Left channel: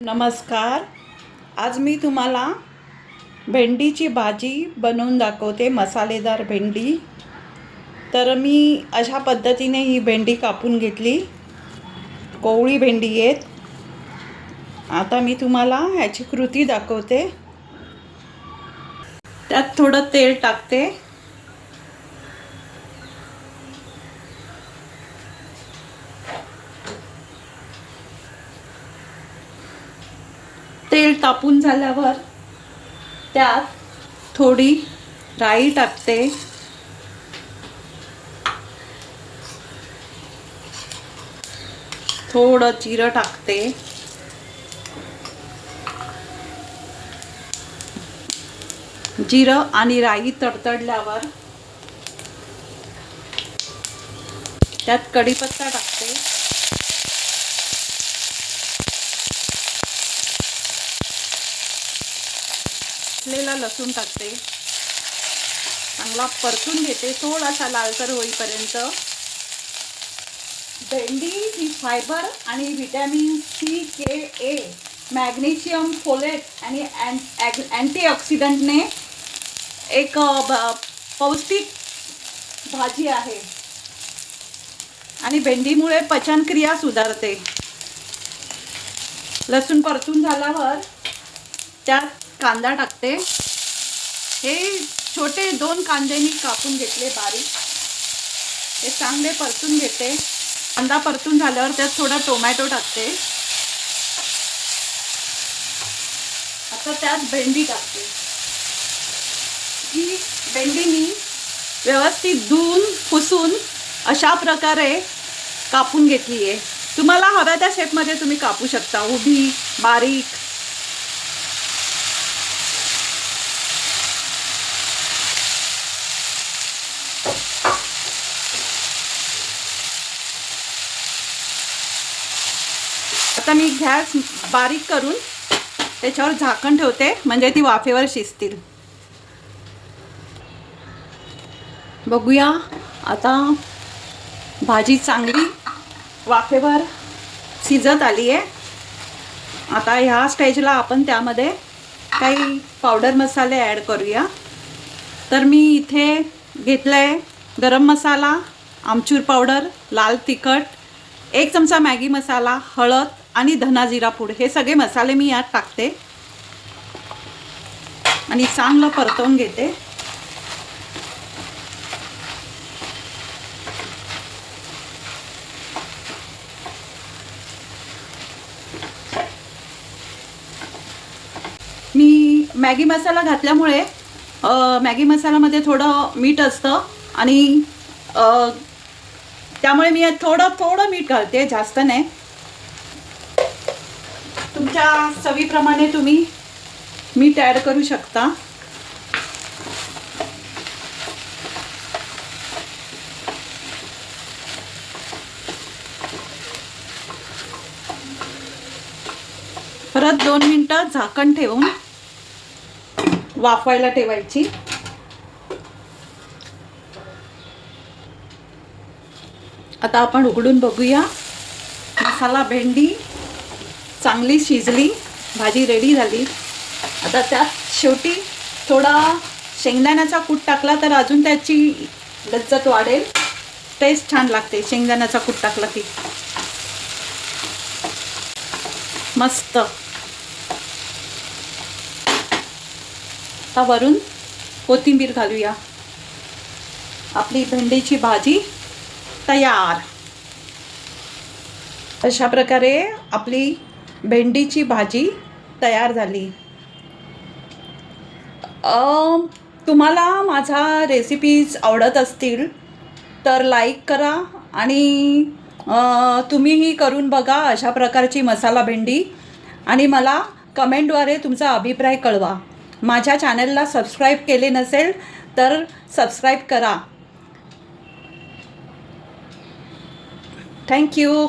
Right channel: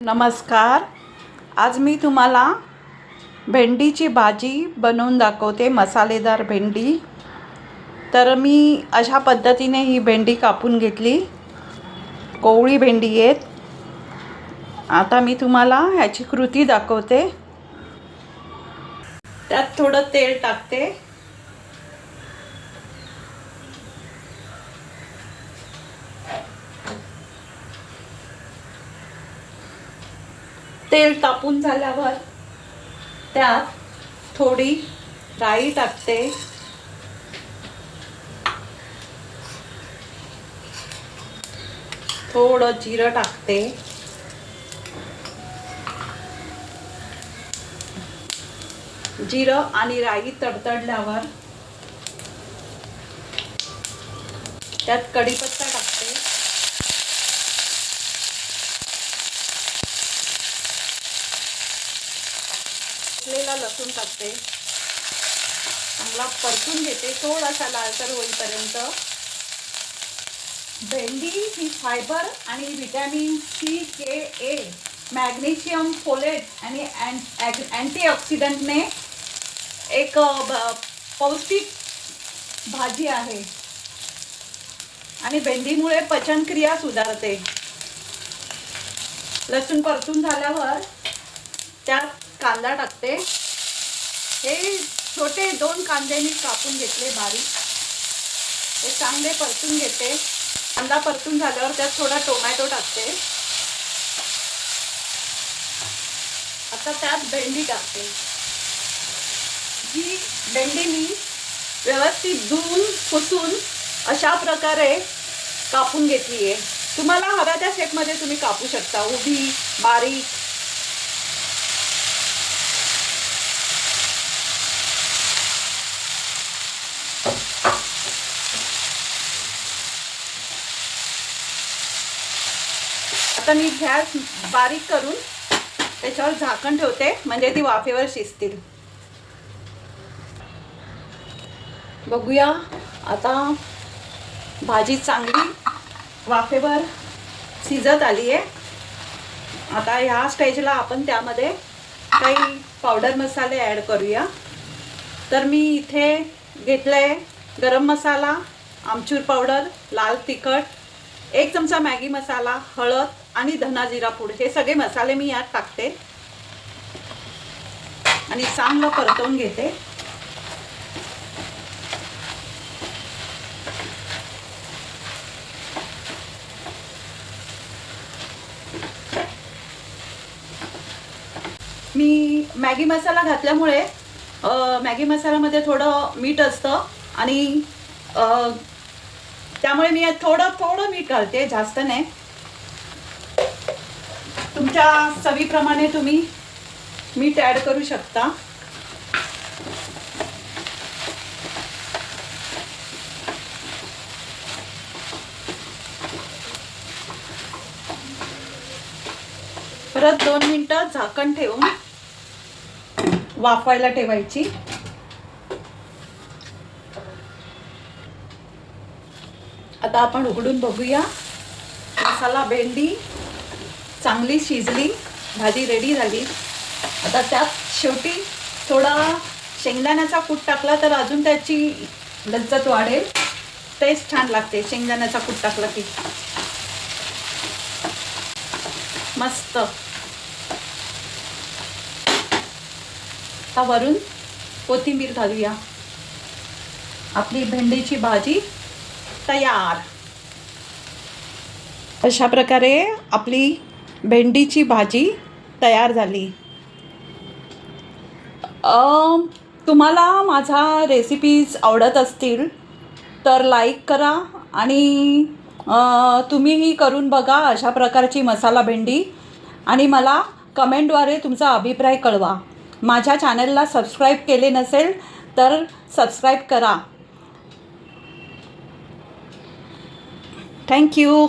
नमस्कार. आज मी तुम्हाला भेंडीची भाजी बनवून दाखवते, मसालेदार भेंडी. तर मी अशा पद्धतीने ही भेंडी कापून घेतली. कोवळी भेंडी आहेत. आता मी तुम्हाला ह्याची कृती दाखवते. त्यात थोडं तेल टाकते. तेल तापून झाल्यावर त्यात थोडी राई टाकते. थोडं जिरं टाकते. जिरं आणि राई तडतडल्यावर त्यात कढीपत्ता टाकते. असलेला लसूण टाकते. चांगला परतून घेते थोडासा लालसर होईपर्यंत. भेंडी ही फायबर आणि व्हिटॅमिन सी, के, ए, मॅग्नेशियम, फोलेट आणि अँटीऑक्सिडंटने एक पौष्टिक भाजी आहे आणि भेंडीमुळे पचनक्रिया सुधारते. लसूण परतून झाल्यावर त्यात कांदा टाकते. हे छोटे 2 कांदे मी कापून घेतले बारीक. हे चांगले परतून घेते. कांदा परतून झाल्यावर त्यात थोडा टोमॅटो टाकते. आता त्यात भेंडी टाकते. ही भेंडी मी व्यवस्थित धुवून पुसून अशा प्रकारे कापून घेतली आहे. तुम्हाला हव्या त्या शेपमध्ये तुम्ही कापू शकता, उभी, बारीक. आता मी गॅस बारीक करून त्याच्यावर झाकण ठेवते, म्हणजे ती वाफेवर शिजतील. बघूया आता भाजी चांगली वाफेवर शिजत आली आहे. आता ह्या स्टेजला आपण त्यामध्ये काही पावडर मसाले ॲड करूया. तर मी इथे घेतलंय गरम मसाला, आमचूर पावडर, लाल तिखट, 1 चमचा मॅगी मसाला, हळद आणि धना जिरा पूड. हे सगळे मसाले मी यात टाकते आणि चांगलं परतवून घेते. मी मॅगी मसाला घातल्यामुळे मॅगी मसाल्यामध्ये थोडं मीठ असतं आणि त्यामुळे मी थोडं मीठ घालते, जास्त नाही. तुमच्या चवीप्रमाणे तुम्ही मीठ ॲड करू शकता. परत 2 मिनिटं झाकण ठेवून वाफवायला ठेवायची. आता आपण उघडून बघूया. मसाला भेंडी चांगली शिजली, भाजी रेडी झाली. आता त्यात शेवटी थोडा शेंगदाण्याचा कूट टाकला तर अजून त्याची लज्जत वाढेल, टेस्ट छान लागते शेंगदाण्याचा कूट टाकला की. मस्त. आता वरून कोथिंबीर घालूया. आपली भेंडीची भाजी तयार. अशा प्रकारे आपली भेंडीची भाजी तयार झाली. तुम्हाला माझा रेसिपीज आवडत असतील तर लाईक करा आणि तुम्हीही करून बघा अशा प्रकारची मसाला भेंडी आणि मला कमेंटद्वारे तुमचा अभिप्राय कळवा. माझ्या चॅनलला सबस्क्राईब केले नसेल तर सबस्क्राईब करा. थँक्यू.